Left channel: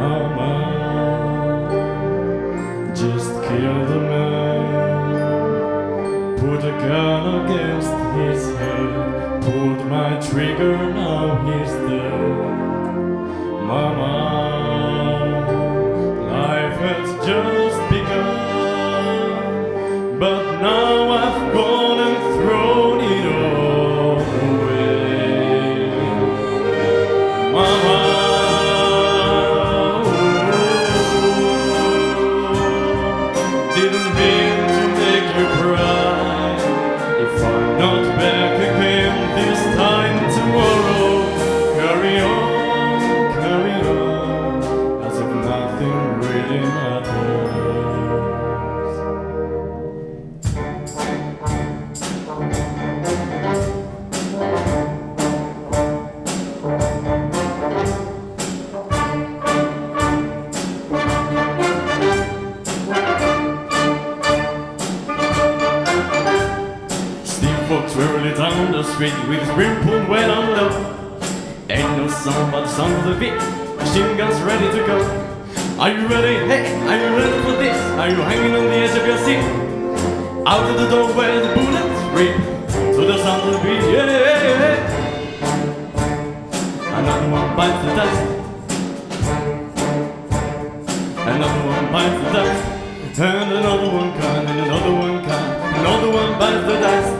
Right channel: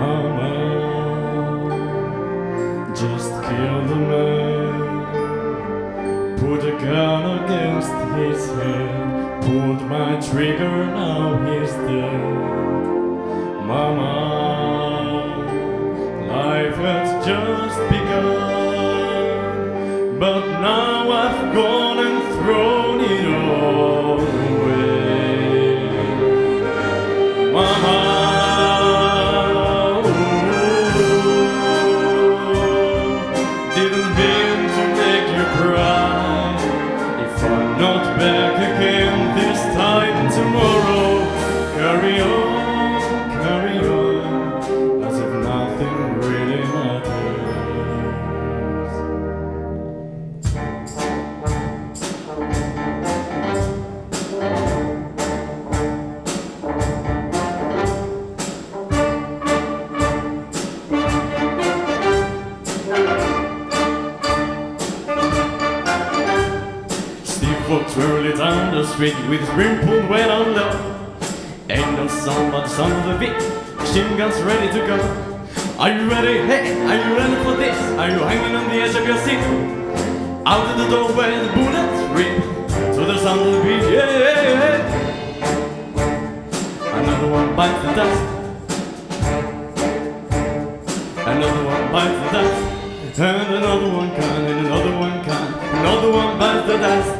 Mama, just kill the man. Put a gun against his head. Pulled my trigger, now he's dead. Mama, life has just begun, but now I've gone and thrown it all away. Mama, didn't mean to make you cry. If I'm not back again this time tomorrow, carry on, as if nothing really matters. Steve walks wearily down the street with his brim pulled way down low. Ain't no sound but the sound of the beat. Machine guns ready to go. Are you ready? Hey, are you ready for this? Are you hanging on the edge of your seat? Out of the door where the bullets rip to the sound of the beat. Yeah. Another one bites the dust. Another one bites the dust. And another one can, and another one can. Another one bites the dust.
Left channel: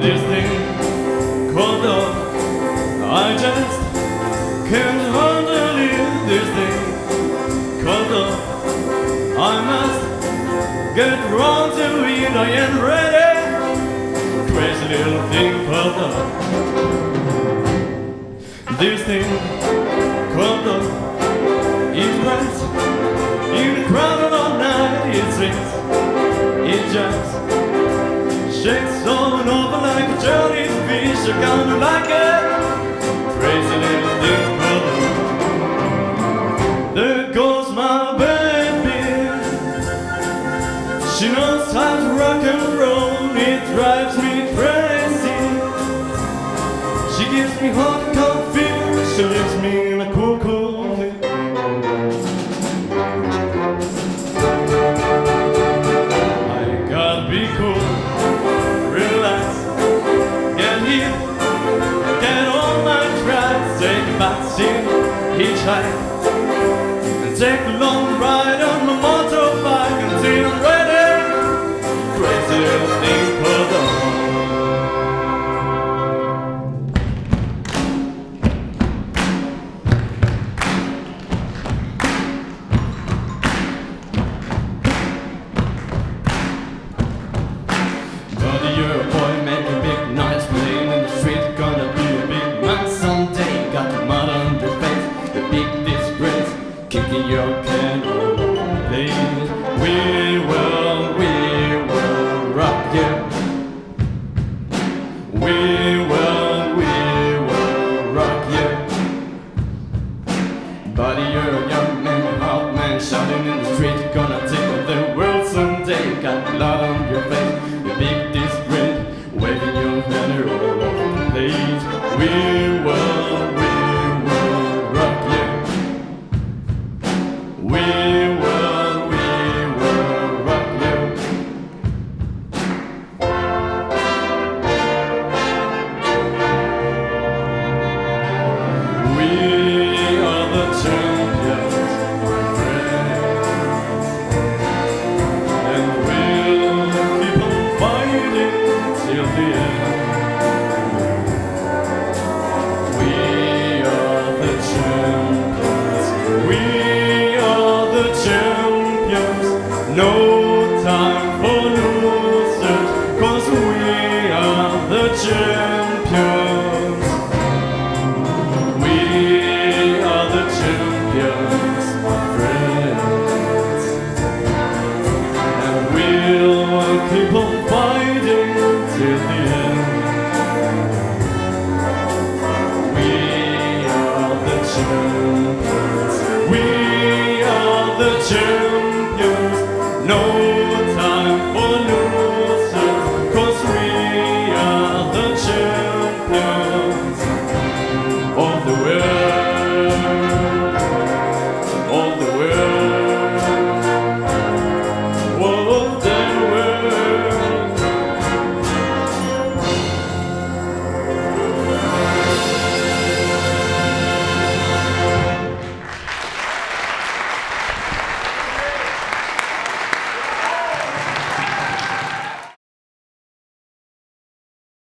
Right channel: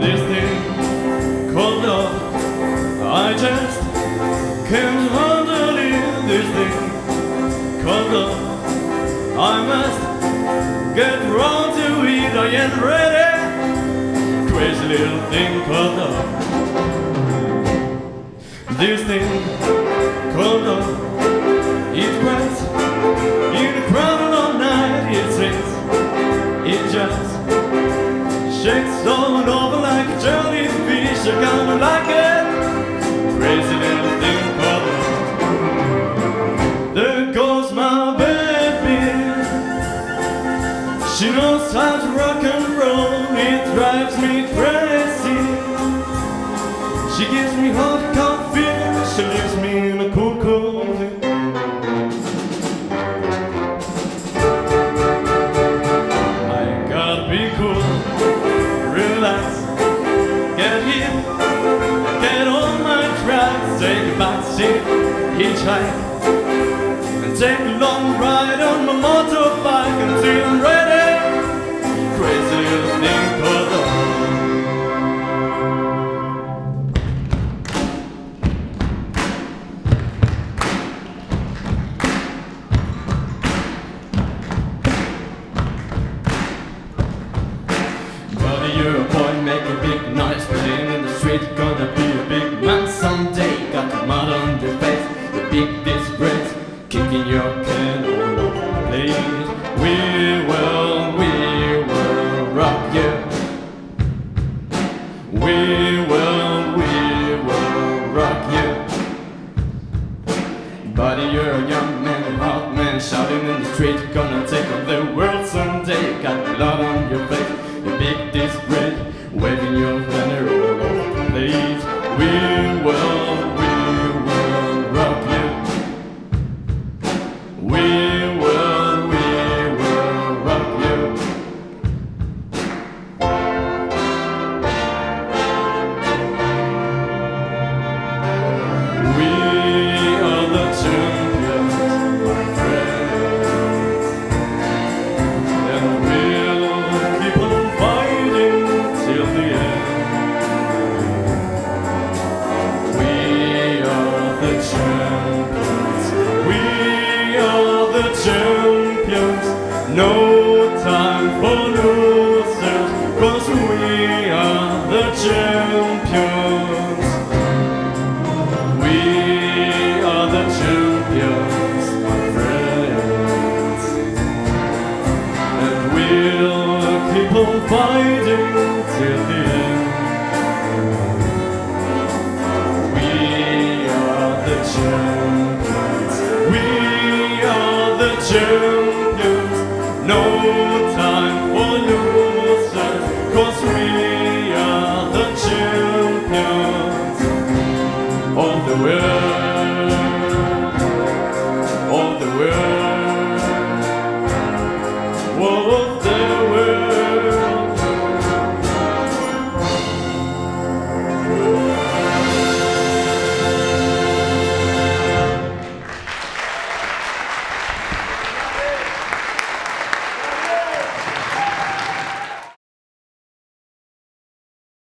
This thing called love, I just can't handle it. This thing called love, I must get round to it. I ain't ready. Crazy little thing called love. This thing called love, it cries in the crowd all night. It sings, it just shakes on over like a jellyfish. I kinda like it. Crazy little thing called love. There goes my baby. She knows how to rock and roll. It drives me crazy. She gives me hot, cold fever. She leaves me in a cool, cold thing. I gotta be cool. Relax, get hip, get on my tracks, take a back seat, hitchhike, and take a long ride on my motorbike until I'm ready. Crazy little thing called love. You're a boy, make a big noise, playing in the street, gonna be a big man someday. Got the mud on your face, the big disgrace, kicking your can all over the place. We will rock you. We will rock you. Buddy, you're a young man, hot man, shouting in the street, gonna take on the world someday. You got blood on your face, your big disgrace, waving your banner all over the place. We will rock you. We will rock you. We are the champions, my friends, and we'll keep on fighting till the end. We are the champions. We are the champions. No time for losers, 'cause we are the champions. We are the champions, my friends, and we'll keep on fighting till the end. We are the champions. We are the champions. No the weather